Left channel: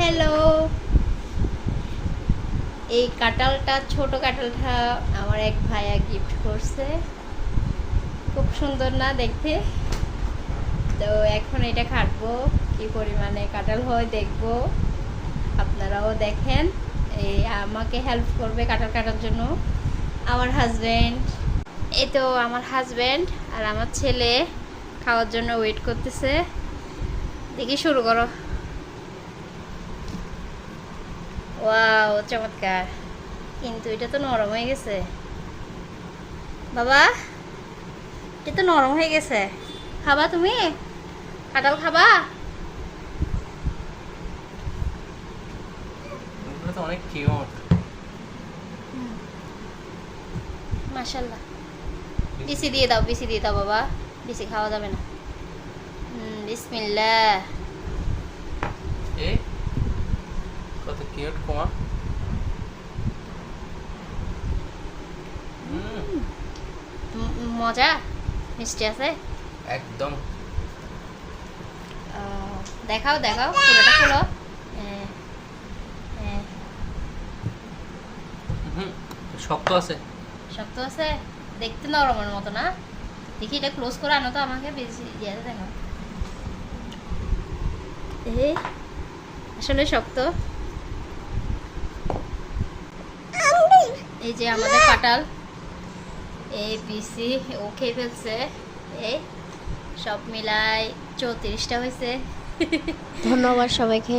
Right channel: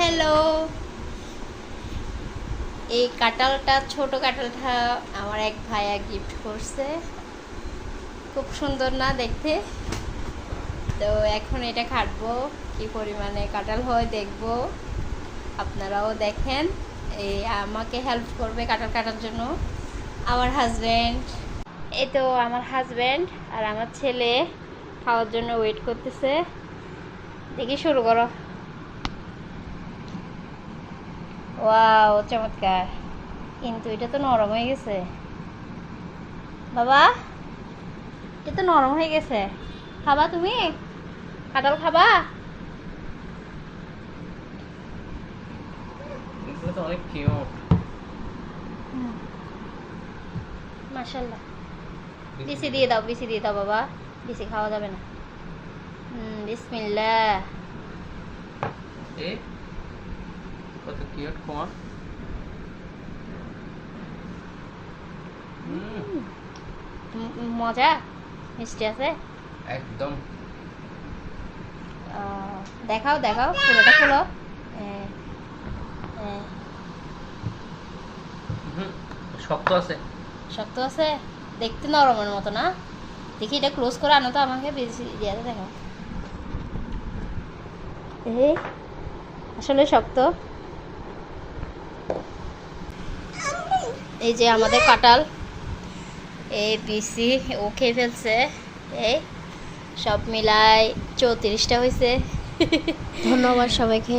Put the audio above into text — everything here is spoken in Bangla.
হ্যালো, এই কাঁঠালটা ছোট কাঁঠালটা আমার এক ভাইয়া গিফট করছে। খুব সুন্দর না দেখতে? তো এখন এটা কাটবো, কি পরিমাণে কাঁঠাল হয় দেখবো, আপনারাও দেখেন। এই আমাকে হেল্প করবে কাঁঠাল কাটার জন্য আমার হাজব্যান্ড। এই তো আমার হাজব্যান্ড আর আমার ছেলে খাওয়ার জন্য ওয়েট করতেছে। দেখি, শুরু করো। ওয়াও, চমৎকার! কিন্তু এটা তো নরম হয়ে গেছে বাবা, এটা তো নরম হয়ে গেছে। খাবা তুমি? কাঁঠাল খাবা? এগুলো তো অনেক কিউট। মাশাআল্লাহ। বিসি দিয়ে দাও, বিসি দিয়ে দাও বাবা, বেশি খাওয়া যাবে না। বিসমিল্লাহ। এ কত কিউট কোয়া। মজা, মিষ্টি আছে একদম। ও, দেখাও দেখাও, পুরোটা খোলো। হ্যাঁ, হ্যাঁ। শক্ত আছে। শক্ত আছে, দেখতে নরমের মতো না? দেখি এটা ক্লোজ করে আনো তো, আমাকে বেশি ইয়ে দেখাও। এই আসলে শক্ত। এই যে আমাদের কাঁঠাল, এই বিসি ও খেয়ে ফেলছে। এই সব মিলাই 34টা হয়েছে। ধন্যবাদ সবাইকে।